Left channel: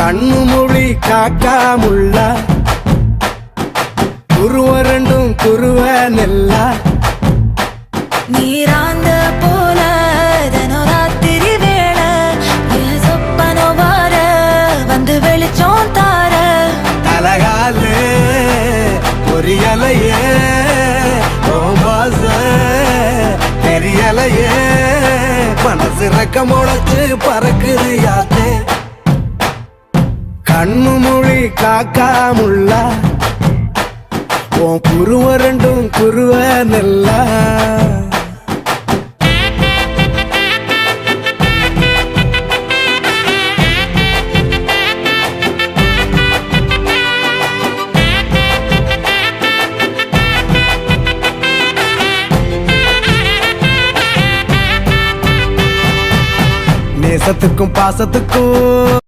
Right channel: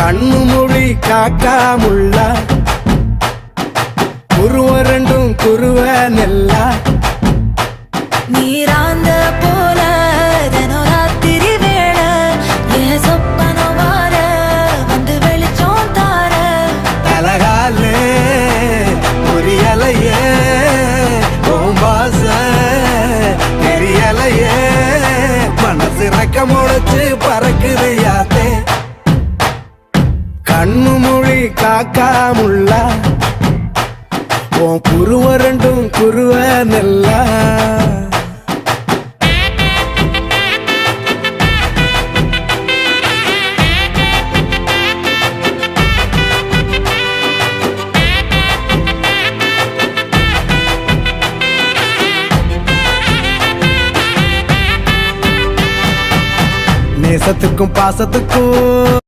கண்ணு மொழி காக்காமுள்ள குருவ ரெண்டும் குருவ நெல்லா நீராங்க போல தினராத்திரி வேண என் சொப்பனம் மாற வந்து வெளிச்சம் தார தலகாலே பொரியலையே ஓம்பாச பெரியலையே மனசு ரக்க முளைச்சு பறக்குது யாத்தே கண்ணு மொழி காக்காமுள்ள உன் குருவ ரெண்டும் குருவ நெல்லா நேசத்துக்கும் பாசத்துக்கும்